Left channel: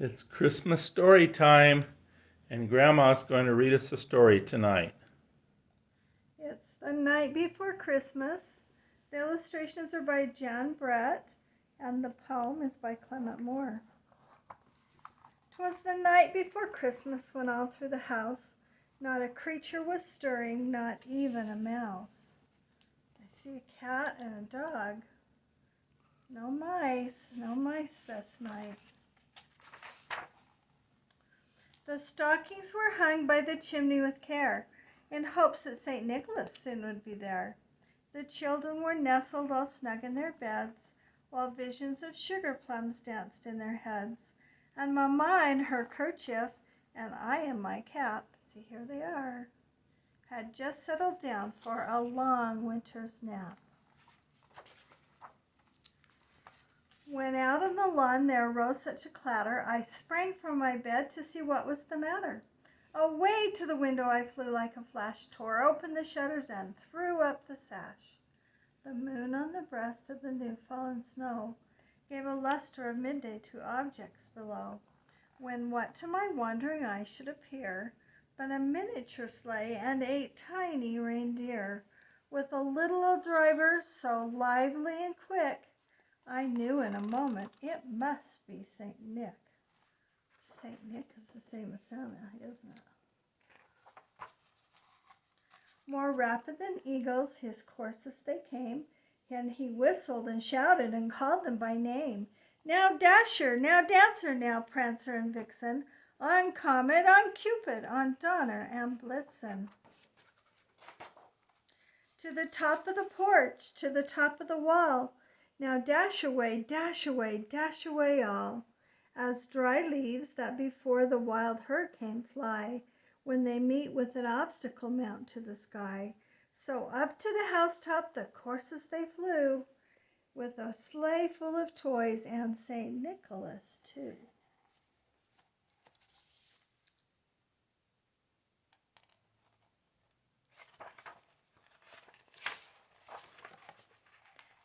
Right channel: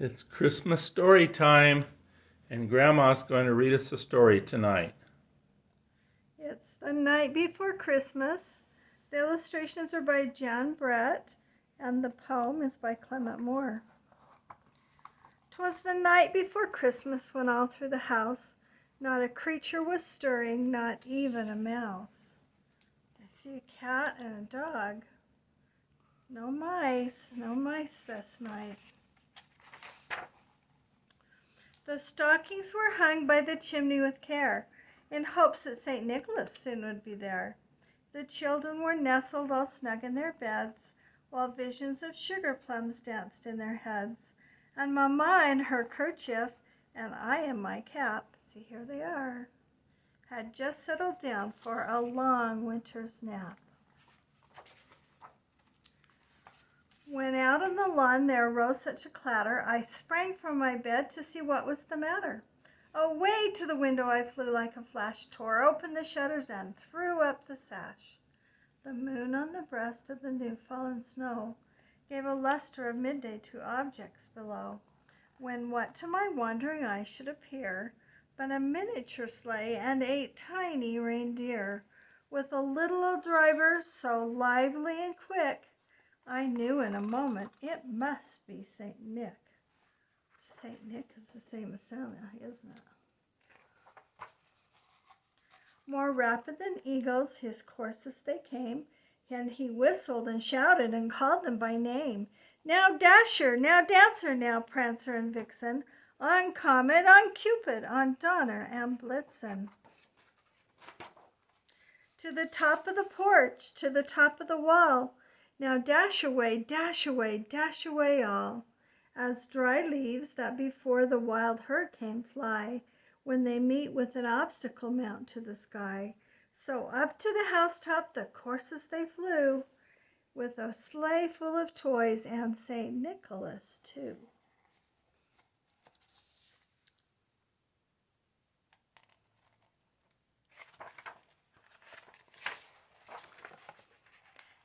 It's Christmas story time, and Grandma's going to read us a story tonight. It's the night before Christmas. The illustrations are by John Brett, and the poem is by Clement Moore. 'Twas the night before Christmas when all through the house not a creature was stirring, not even a mouse. I see a cat and a dog. No mice this night. The stockings were hung by the chimney with care, in hopes that St. Nicholas soon would be there. The children were nestled all snug in their beds, while visions of sugar plums danced in their heads. And Mamma in her kerchief, and I in my cap, see here they are, had just settled down for a long winter's nap. When out on the lawn there arose such a clatter, I sprang from my bed to see what was the matter. Away to the window I flew like a flash, tore open the shutters and threw up the sash. The moon on the breast of the new-fallen snow gave a luster of midday to objects below, when what to my wondering eye should appear but a miniature sleigh and 8 tiny reindeer, with a little old driver so lively and quick, I knew in a moment it must be St. Nick. St. Nick is the same as Santa, isn't it? More rapid than eagles his courses they came, and he whistled and shouted and called them by name. Now Dasher, now Dancer, now Prancer and Vixen, on Comet, on Cupid, on Donner and Blitzen. To the top of the porch, to the top of the wall, now dash away, dash away, dash away all, as dry leaves that before the wild hurricane fly, when they meet with an obstacle mount to the sky. So up to the housetop the courses they flew, with a sleigh full of toys and St. Nicholas too.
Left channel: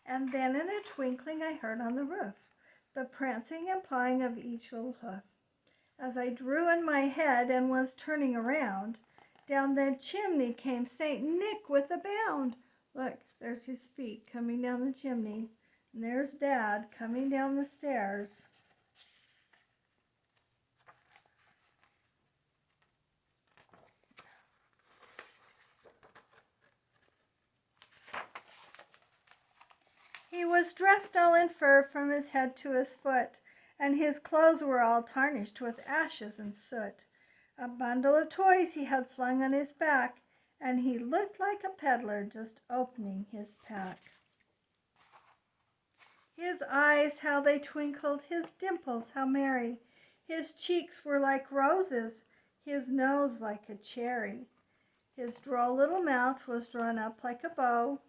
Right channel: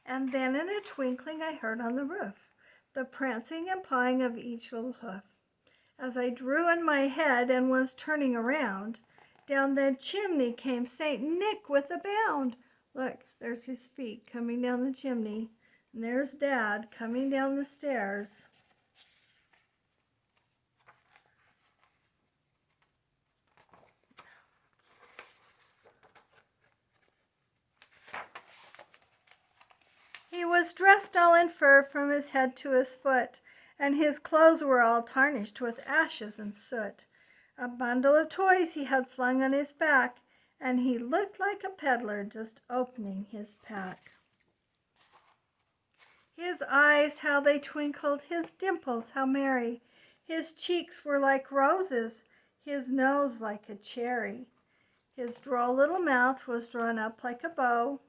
And then in a twinkling I heard on the roof the prancing and pawing of each little hoof. As I drew in my head and was turning around, down the chimney came St. Nick with a bound. Look, there's his feet coming down the chimney, and there's Dad coming down the stairs. He was dressed all in fur from his head to his foot, and his clothes were all tarnished with ashes and soot. A bundle of toys he had flung on his back, and he looked like a peddler just opening his pack. His eyes, how they twinkled, his dimples, how merry. His cheeks were like roses, his nose like a cherry. His droll little mouth was drawn up like a bow,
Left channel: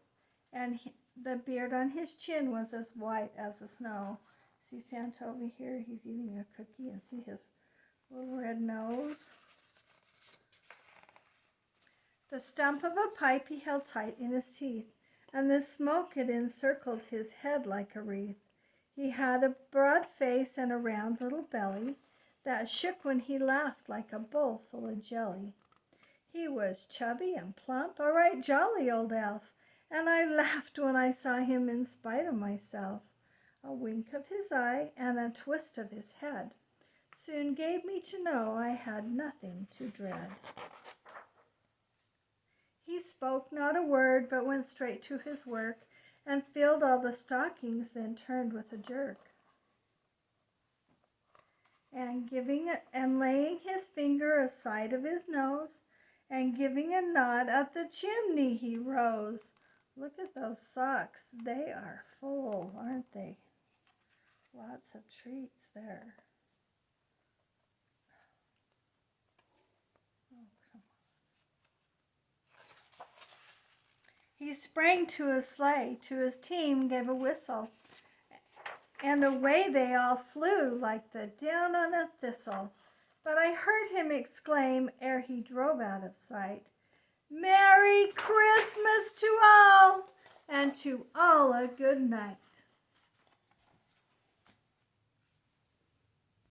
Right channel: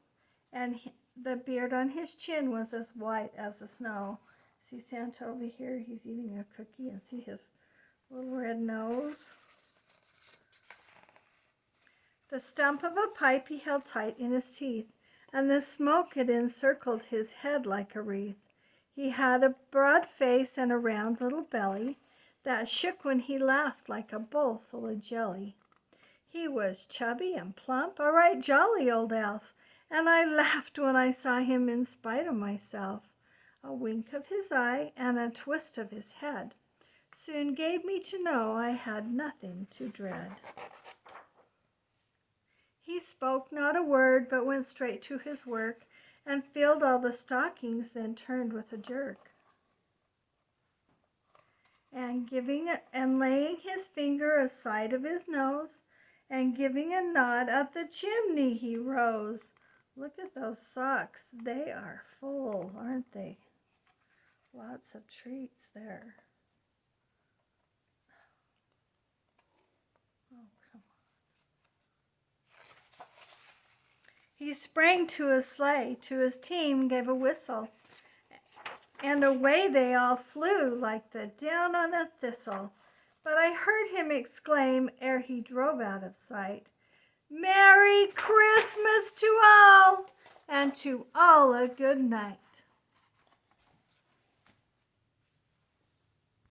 and the beard on his chin was as white as the snow. See Santa over here? He's eating a cookie, and see his little red nose. The stump of a pipe he held tight in his teeth, and the smoke had encircled his head like a wreath. He had a broad face and a round little belly that shook when he laughed like a bowl full of jelly. He was chubby and plump, a right jolly old elf, and I laughed when I saw him in spite of myself. A wink of his eye and a twist of his head soon gave me to know I had nothing to dread. He spoke not a word, but went straight to his work, and filled all the stockings, then turned with a jerk. And laying his finger aside of his nose, and giving a nod up the chimney he rose. Look at those socks. They are full, aren't they? Lots of treats there. Oh, come on. He sprang to his sleigh, to his team gave a whistle, and away they all flew like the down on a thistle. But I heard him exclaim, ere he drove out of sight, "Merry Christmas to all, and to all a good night."